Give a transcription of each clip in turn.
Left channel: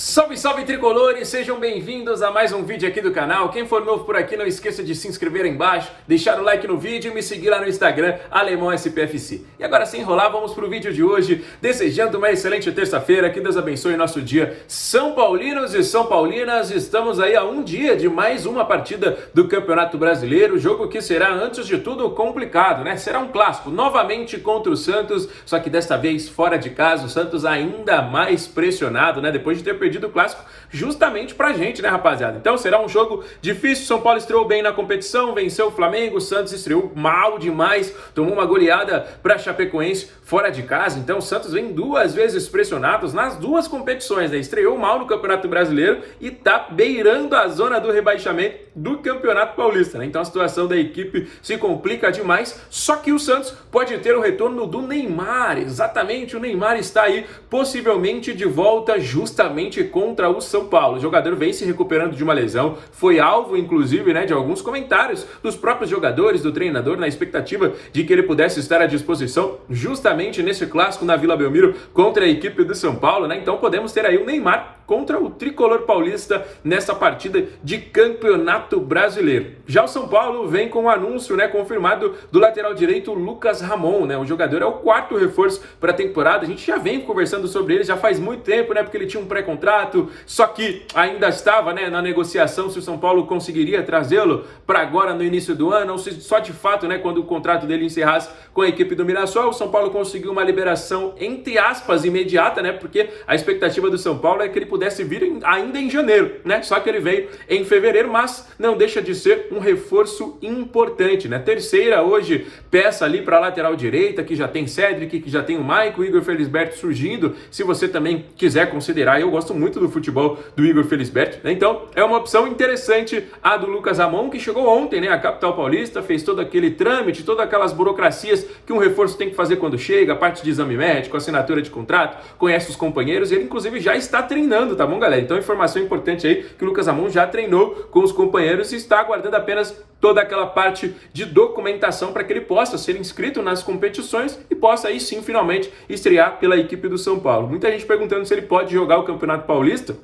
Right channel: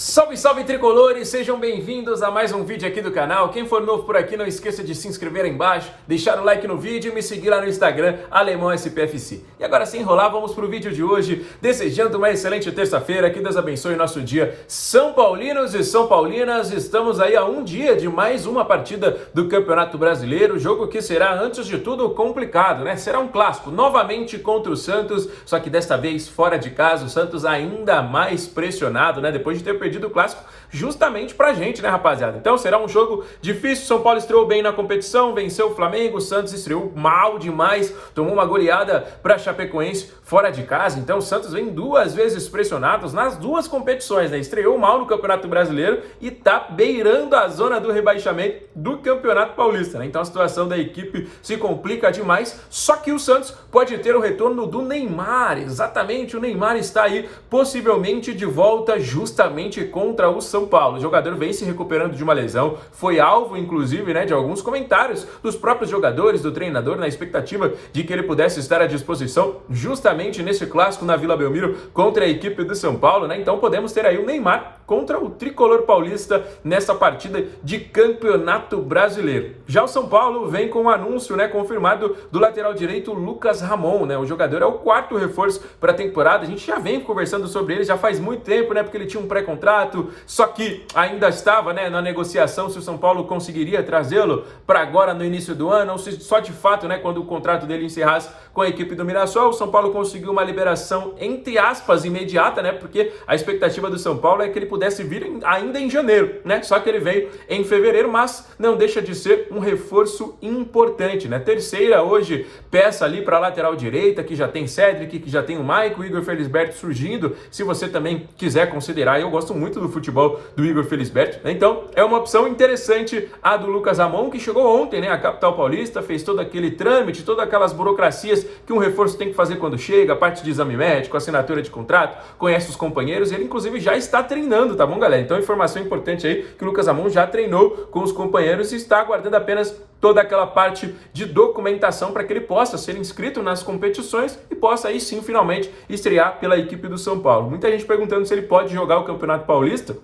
Salve, salve tricolores, sejam bem-vindos a mais um vídeo aqui do canal. Quem for novo por aqui, não esqueça de se inscrever aí embaixo, deixar o like no vídeo e me seguir lá no Instagram, AlemãoSPFC. E agora, sem enrolar, vamos pro vídeo de hoje, desejando uma excelente terça-feira, que Deus abençoe o nosso dia. São Paulinos e São Paulinas, estamos aí a um dia de mais uma partida do Campeonato Brasileiro, jogo que será, antes de tudo, complicado, né? Será um clássico, novamente contra o Santos, só que desta vez fora de casa, o Santos ainda mais pressionado, né? Depois de ter perdido o clássico justamente pra gente, né, rapaziada? Então será um jogo difícil. São Paulo estreou bem na competição, venceu o Flamengo. O Santos estreou mal demais, tomou uma goleada pra Chapecoense fora de casa. Então o Santos vem duas vezes pressionados nas duas competições, né? Estreou mal no Campeonato Brasileiro e tá beirando a zona do rebaixamento do Campeonato Paulista, né? Então a situação da equipe se complica demais, só que o Santos pode ter o retorno do Neymar. Exatamente, o Neymar está aí possivelmente de volta justamente contra o São Paulo. O jogador vem se recuperando de uma lesão, foi alvo inclusive, né, de alguns comentários dos próprios jogadores, do treinador, na expectativa de que ele pudesse estar à disposição justamente nesse clássico na Vila Belmiro contra a equipe do São Paulo, né? Então podemos ter aí o Neymar contra o tricolor paulista nessa partida de Campeonato Brasileiro. Já o São Paulo vem com um anúncio, né, confirmado do lateral direito Lucas Ramon, né? O jogador é o quarto reforço para a temporada. A gente já vem conversando sobre ele já faz muito tempo, né? Porque ele tinha um pré-contrato, só que ainda estava, né, na negociação se o São Paulo conseguiria trazê-lo para agora no início do ano, ou se só de fato, né, quando o contrato dele encerrasse com a equipe do Mirassol. O São Paulo conseguiu uma liberação, entre aspas, imediata, né? Porque a expectativa do São Paulo é que ele pudesse vir ainda em janeiro, né? Só que ele veio em fevereiro, mas não deixa de ser um reforço importante, né? Terceira hoje peça ali para a lateral direita, que já tem Cedric, que já tem o Maicon, o Igor Felisberto surgindo. Se você também quiser considerar, eu gosto muito do futebol do Igor Felisberto, né? Então é uma opção interessante a do Lucas Ramon, que chegou ontem, né, à capital paulista, fez todo aquele trâmite, todas aquelas burocracias que um reforço tem que fazer quando chega, a parte de exame médico, assinatura de contrato, conhece os companheiros, e ele inclusive já está treinando, tá bom, galera? Então informação importante aí, que o Lucas Ramon já treinou com os companheiros e está aguardando apenas toda aquela parte de documentação para que ele possa ser inscrito nas competições e possa aí sim finalmente estrear pela equipe do São Paulo. Muita gente perguntando se ele pode jogar o Campeonato Paulista.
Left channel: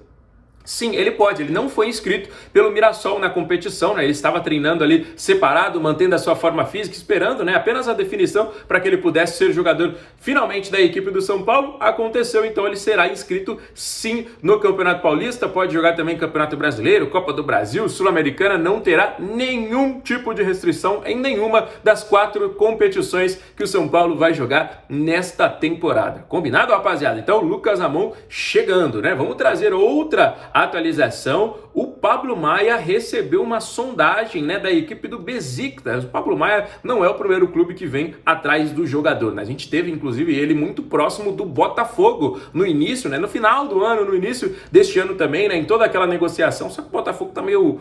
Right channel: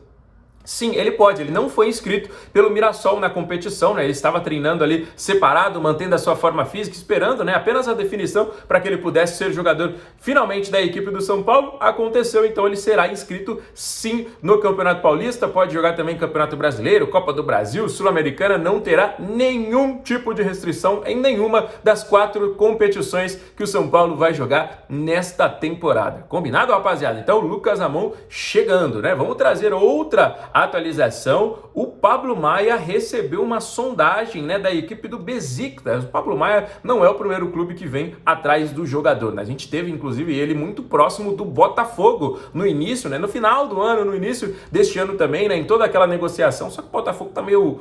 Sim, ele pode, ele não foi inscrito pelo Mirassol na competição, né? Ele estava treinando ali separado, mantendo a sua forma física, esperando, né, apenas a definição para que ele pudesse ser jogador finalmente da equipe do São Paulo. Aconteceu, então ele será inscrito sim no Campeonato Paulista, pode jogar também Campeonato Brasileiro, Copa do Brasil, Sul-Americana, não terá nenhum tipo de restrição em nenhuma das 4 competições que o São Paulo vai jogar nesta temporada. Combinado, rapaziada? Então, Lucas Ramon chegando, né? Vamos trazer outra atualização. O Pablo Maia recebeu uma sondagem, né, da equipe do Besiktas. O Pablo Maia não é o primeiro clube que vem atrás do jogador, né? A gente teve inclusive ele muito próximo do Botafogo no início, né, no final do ano, no início deste ano também, né, em toda aquela negociação. Só que o Botafogo tá meio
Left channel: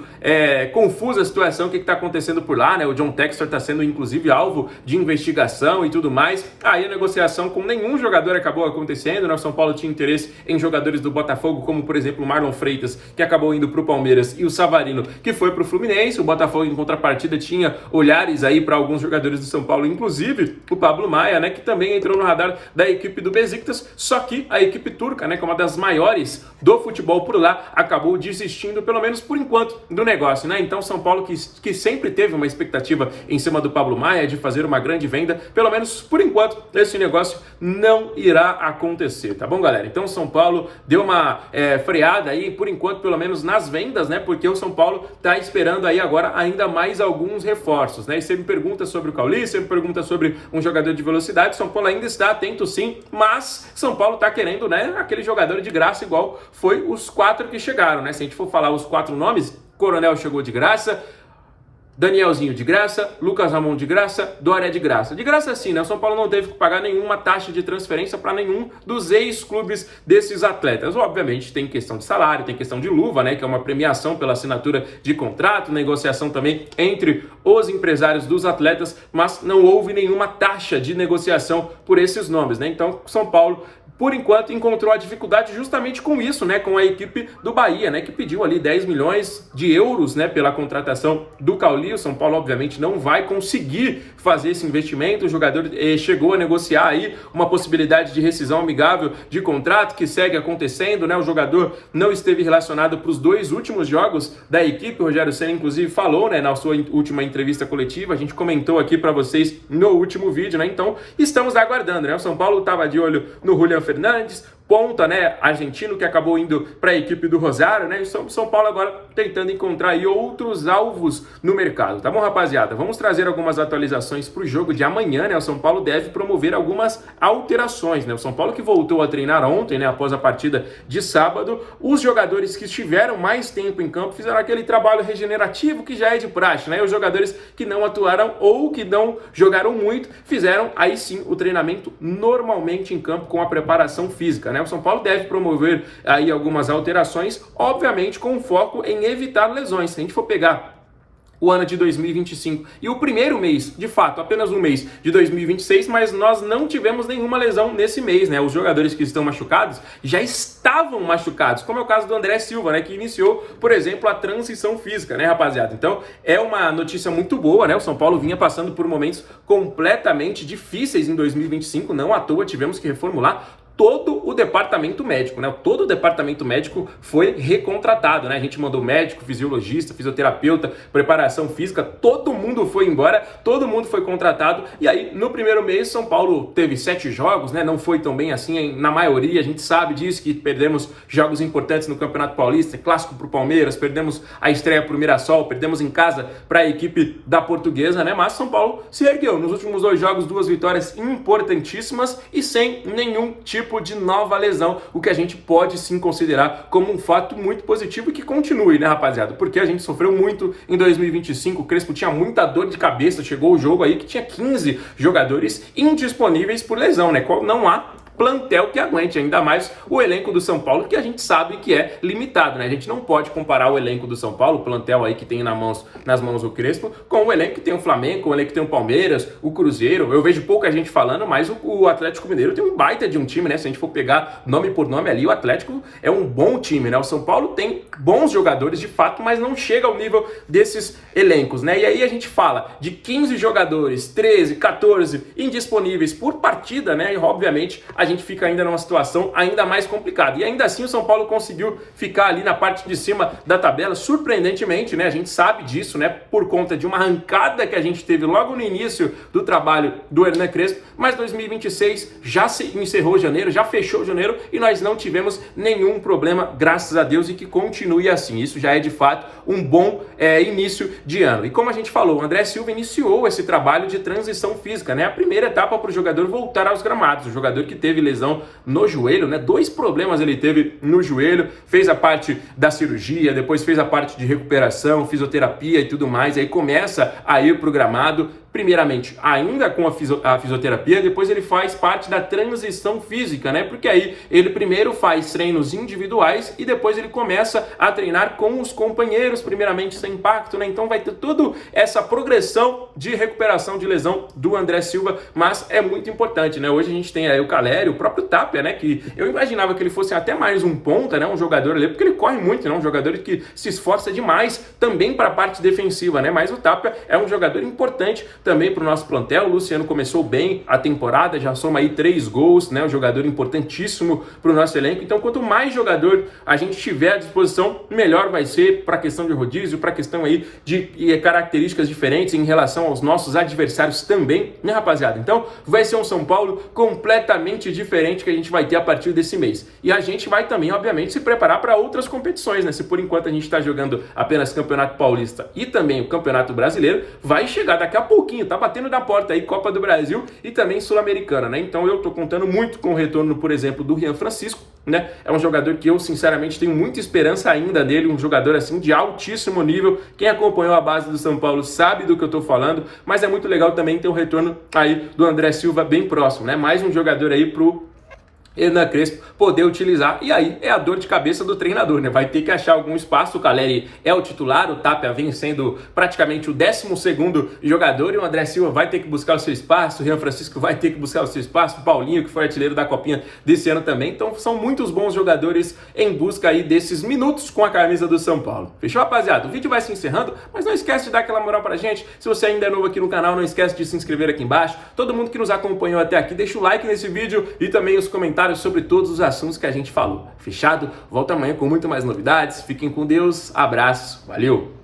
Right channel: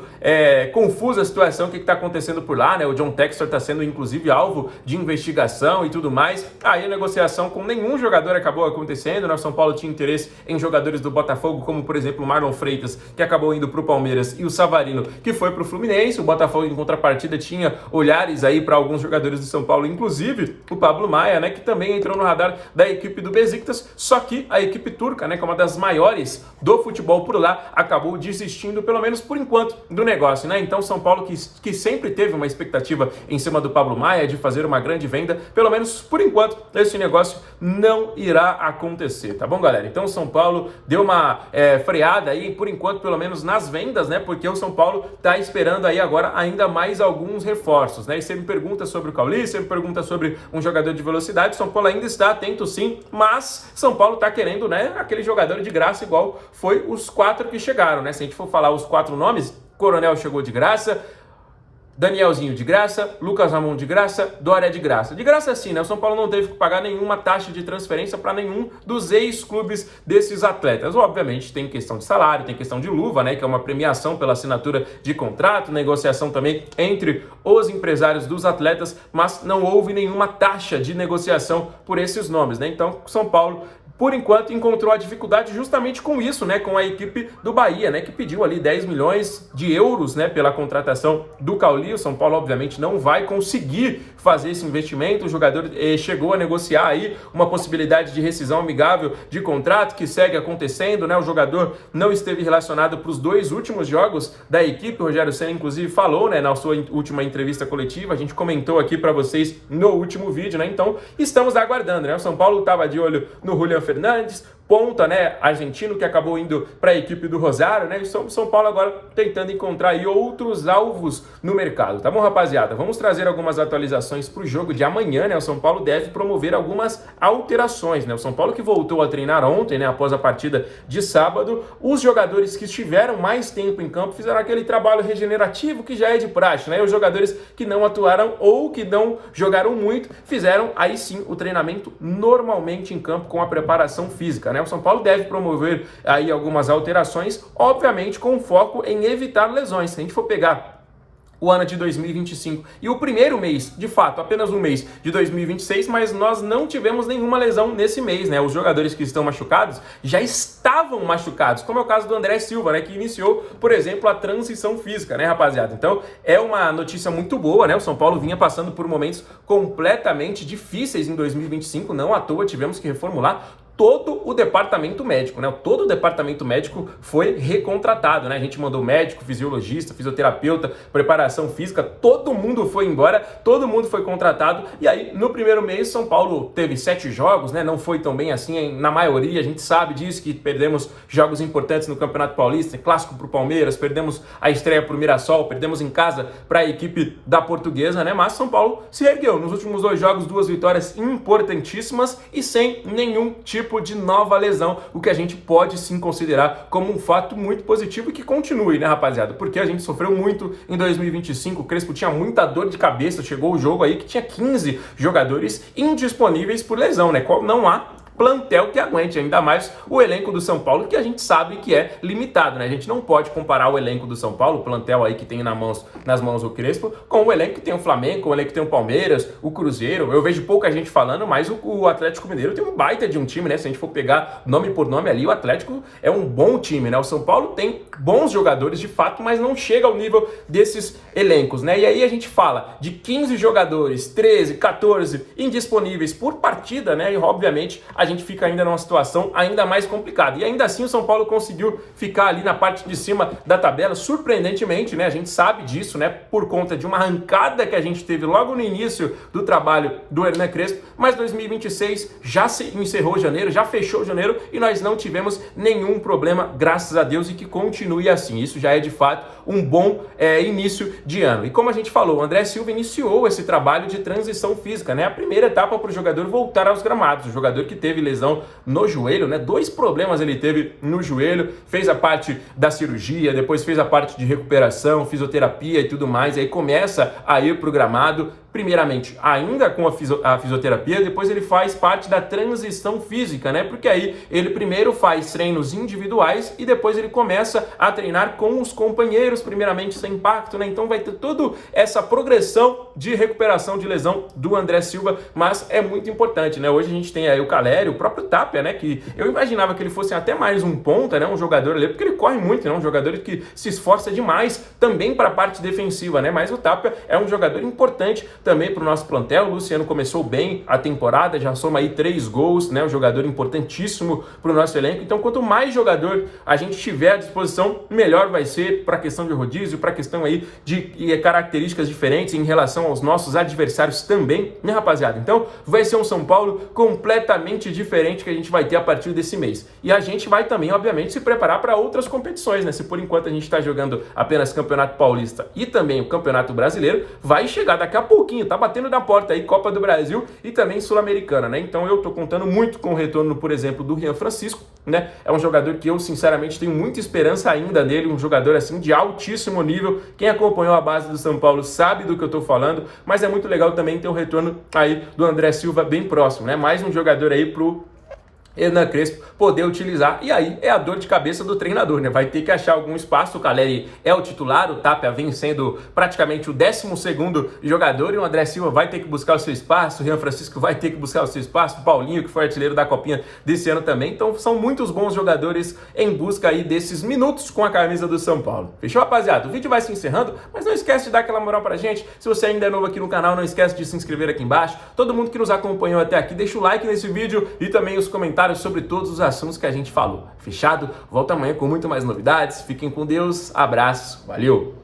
confusa a situação, o que tá acontecendo por lá, né? O John Textor tá sendo inclusive alvo de investigação e tudo mais. Aí a negociação com nenhum jogador acabou acontecendo, né? O São Paulo tinha interesse em jogadores do Botafogo, como por exemplo o Marlon Freitas, que acabou indo pro Palmeiras, e o Savarino, que foi pro Fluminense. O Botafogo, em contrapartida, tinha olhares aí para alguns jogadores do São Paulo, inclusive o Pablo Maia, né, que também entrou no radar da equipe do Besiktas, só que a equipe turca, né, que é uma das maiores do futebol por lá, acabou desistindo, pelo menos por enquanto, do negócio, né? Então São Paulo, que sempre teve uma expectativa em cima do Pablo Maia de fazer uma grande venda, pelo menos por enquanto, esse negócio não irá acontecer, tá bom, galera? Então São Paulo deu uma freada aí, por enquanto, pelo menos nas vendas, né? Porque o São Paulo tá esperando aí agora ainda mais alguns reforços, né? E você me pergunta sobre o Cauli, você me pergunta sobre um jogador de velocidade. São Paulo ainda está atento sim, mas São Paulo tá querendo, né, aquele jogador de graça, igual foi os 4 que chegaram, né? Se a gente for falar os 4 nomes, Coronel chegou de graça, Danielzinho de graça, Lucas Ramon de graça, Dória de graça. De graça sim, né? O São Paulo não teve que pagar nenhuma taxa de transferência para nenhum dos ex-clubes desses atletas. Obviamente tem questão de salário, tem questão de luva, né? Que é uma premiação pela assinatura de contrato, negociação também entre os empresários dos atletas, mas não houve nenhuma taxa de negociação por esses nomes, né? Então, São Paulo por enquanto, encontrou a dificuldade justamente com isso, né, com a equipe do Bahia, né, que pediu ali 10 milhões de euros, né, pela contratação do Cauli. O São Paulo, obviamente, não vai conseguir fazer esse investimento. O jogador chegou a negociar aí uma possibilidade de rescisão amigável de contrato, que segue acontecendo, né, o jogador não esteve relacionado para os 2 últimos jogos da equipe. O Rogério Ceni, inclusive, falou, né, na sua última entrevista coletiva, a gente comentou aqui para vocês no último vídeo, né, então estamos aguardando, né, o São Paulo estava de olho no Julián Fernandes, ponta, né, argentino, que acabou indo para a equipe do Rosário, né, e o São Paulo agora tentando encontrar aí outros alvos no mercado, tá bom, rapaziada? Vamos trazer algumas atualizações para o jogo de amanhã, né, o São Paulo deve promover algumas alterações, né, o São Paulo que voltou a treinar ontem, né, após a partida de sábado. Os jogadores que estiveram mais tempo em campo fizeram aquele trabalho regenerativo que já é de praxe, né, e os jogadores que não atuaram ou que não jogaram muito fizeram aí sim o treinamento normalmente em campo com a preparação física, né? O São Paulo deve promover aí algumas alterações, obviamente com foco em evitar lesões. Se a gente for pegar o ano de 2025 e o primeiro mês, de fato, apenas um mês de 2026, mas nós não tivemos nenhuma lesão nesse mês, né? Os jogadores que estão machucados já estavam machucados, como é o caso do André Silva, né? Que iniciou, por exemplo, a transição física, né, rapaziada? Então, é uma notícia muito boa, né? O São Paulo vinha passando por momentos completamente difíceis em 2025, não à toa tivemos que reformular todo o departamento médico, né? Todo o departamento médico foi recontratado, né? A gente mandou médico, fisiologista, fisioterapeuta, preparação física, todo mundo foi embora, todo mundo foi contratado. E aí, no primeiro mês, São Paulo teve 7 jogos, né? Não foi tão bem assim, na maioria, a gente sabe disso, que perdemos jogos importantes no Campeonato Paulista, clássico pro Palmeiras, perdemos a estreia pro Mirassol, perdemos em casa para a equipe da Portuguesa, né? Mas São Paulo se ergueu nos últimos 2 jogos, 2 vitórias importantíssimas e sem nenhum tipo de nova lesão, o que a gente pode sim considerar como um fato muito positivo e que continue, né, rapaziada? Porque a gente sofreu muito em 2025, o Crespo tinha muita dor de cabeça, chegou o jogo aí que tinha 15 jogadores indisponíveis por lesão, né? Não há plantel que aguente, ainda mais o elenco do São Paulo, que a gente sabe que é limitado, né? A gente não pode comparar o elenco do São Paulo, o plantel aí que tem nas mãos o Crespo, com o elenco que tem o Flamengo, com o elenco que tem o Palmeiras, o Cruzeiro. Eu vejo pouca gente falando, mas o Atlético Mineiro tem um baita de um time, né? Se a gente for pegar nome por nome ali, o Atlético é um bom time, né? O São Paulo tem bons jogadores de fato, mas não chega ao nível desses elencos, né? E aí a gente fala de 15 jogadores, 13, 14 indisponíveis por partida, né? E obviamente a gente fica ainda numa situação ainda mais complicada. E ainda assim o São Paulo conseguiu ficar ali na parte de cima da tabela, surpreendentemente, né? A gente sabe disso, né? Por conta de uma arrancada que a gente teve logo no início do trabalho do Hernan Crespo, mas 2026 já se encerrou janeiro, já fechou janeiro e nós não tivemos nenhum problema, graças a Deus, e que continue assim. Isso já é de fato um bom início de ano. E como a gente falou, o André Silva iniciou esse trabalho de transição física, né? A primeira etapa para o jogador voltar aos gramados. O jogador que teve lesão no joelho, né? 2 problemas ele teve no joelho, fez a parte da cirurgia, depois fez a parte de recuperação, fisioterapia e tudo mais, aí começa a ir pro gramado, primeiramente ainda com a fisioterapia, depois ele faz parte da transição física, né? Porque aí ele primeiro faz treinos individuais e depois ele começa a treinar com os companheiros, primeiramente sem impacto, né? Então vai ter toda essa progressão de recuperação de lesão do André Silva, mas é muito importante, né? Hoje a gente tem aí o Caleri, o próprio Tapia, né? Que eu imaginava que ele fosse até mais um ponta, né? Um jogador ali, porque ele corre muito, né? Um jogador que se esforça demais também para a parte defensiva, né? Mas o Tapia é um jogador importante também para o nosso plantel. O Luciano começou bem a temporada, já soma aí 3 gols, né? Um jogador importantíssimo para o nosso elenco. Então, quanto mais jogador a gente tiver à disposição, melhor vai ser para a questão de rodízio, para a questão aí de características diferentes em relação aos nossos adversários também, né, rapaziada? Então, vai ser um São Paulo completamente diferente que a gente vai ter a partir desse mês. E a gente vai também, obviamente, se preparar para outras competições, né? Se por enquanto a gente está jogando apenas Campeonato Paulista e também o Campeonato Brasileiro, vai chegar daqui a pouquinho, tá batendo na porta aí Copa do Brasil e também Sul-Americana, né? Então eu tô contando muito com o retorno, por exemplo, do Rian Francisco, né? É um jogador que eu, sinceramente, tenho muita esperança ainda dele, um jogador, assim, de altíssimo nível. Quem acompanhou a base do São Paulo sabe do que eu tô falando, mas é muito legal também ter o retorno aí do André Silva bem próximo, né? Mais um jogador aí pro Hernan Crespo poder utilizar, e aí é a dor de cabeça do treinador, né? Vai ter que achar algum espaço. O Calleri é o titular, o Tapia vem sendo praticamente o 12º jogador, e o André Silva vai ter que buscar o seu espaço, o Rian Francisco vai ter que buscar o seu espaço, o Paulinho, que foi artilheiro da Copinha desse ano também. Então são muitos bons jogadores em busca aí desses minutos com a camisa do São Paulo. Fechou, rapaziada? O vídeo vai se encerrando, mas não esquece de dar aquela moral pra gente. Se você ainda é novo aqui no canal, não esquece de se inscrever aqui embaixo. Todo mundo que nos acompanhou até aqui, deixa o like nesse vídeo e também os comentários sobre todos os assuntos que a gente falou. Fechado? Volto amanhã com muito mais novidades. Fiquem com Deus. Abraço. Valeu!